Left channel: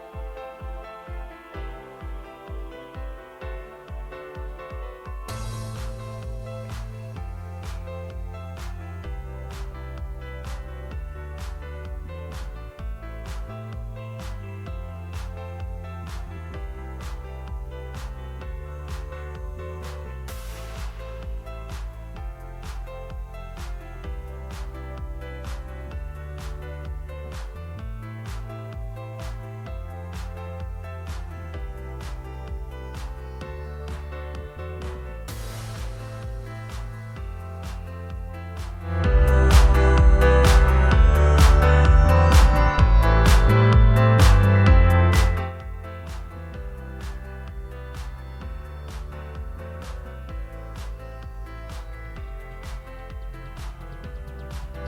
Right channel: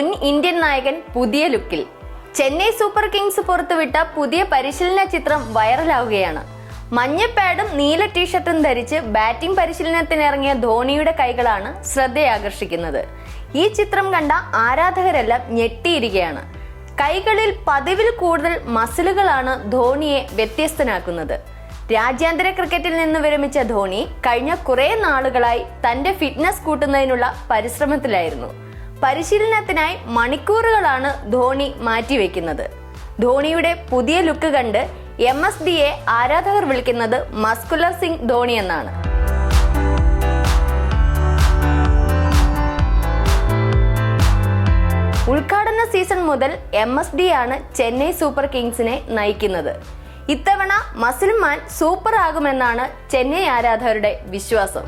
മുൻ ഇന്ത്യൻ നായകൻ പുതിയ ലുക്കിൽ. ചെന്നൈ സൂപ്പർ കിങ്സ് പുറത്തുവിട്ട പുതിയ പരിശീലന ചിത്രം വൈറലാവുകയാണ്. മഞ്ഞ പാഡും നീല ടീഷർട്ടും ധരിച്ച് ബാറ്റിംഗ് പരിശീലനത്തിനിറങ്ങിയ ധോണിയുടെ കൈകളാണ് ശ്രദ്ധയാകർഷിക്കുന്നത്. ഈ ചിത്രം കണ്ട ആരാധകരെല്ലാം ഞെട്ടിയിരിക്കുകയാണ്. കൈകളിൽ പതിവിൽ കൂടുതൽ മസിലുകളാണ് ധോണിയെ വ്യത്യസ്തനാക്കുന്നത്. രാജ്യാന്തര ക്രിക്കറ്റിൽ നിന്ന് വിരമിച്ച ധോണി കഴിഞ്ഞ കുറെ നാളുകളായി തന്റെ ഫിറ്റ്നസ് കൂട്ടുന്നതിനുള്ള പരിശ്രമത്തിലായിരുന്നു. പരിശീലനത്തിനായി മണിക്കൂറുകളാണ് ധോണി മാറ്റിവെക്കുന്നത്. ധോണിയുടെ പുതിയ ലുക്ക് കണ്ട് MSDയെ ആരാധകർ വിളിക്കുന്നത് മസ്കുലർ സിംഗ് ധോണി എന്നാണ്. ഉദ്ഘാടന സീസൺ മുതൽ MSD ആണ് ചെന്നൈ സൂപ്പർ കിങ്സിനെ നയിക്കുന്നത്. ഇത്തവണ മസിൽ മാൻ സൂപ്പർ ആകുമെന്നാണ് ചെന്നൈ ആരാധകരുടെ വിശ്വാസം.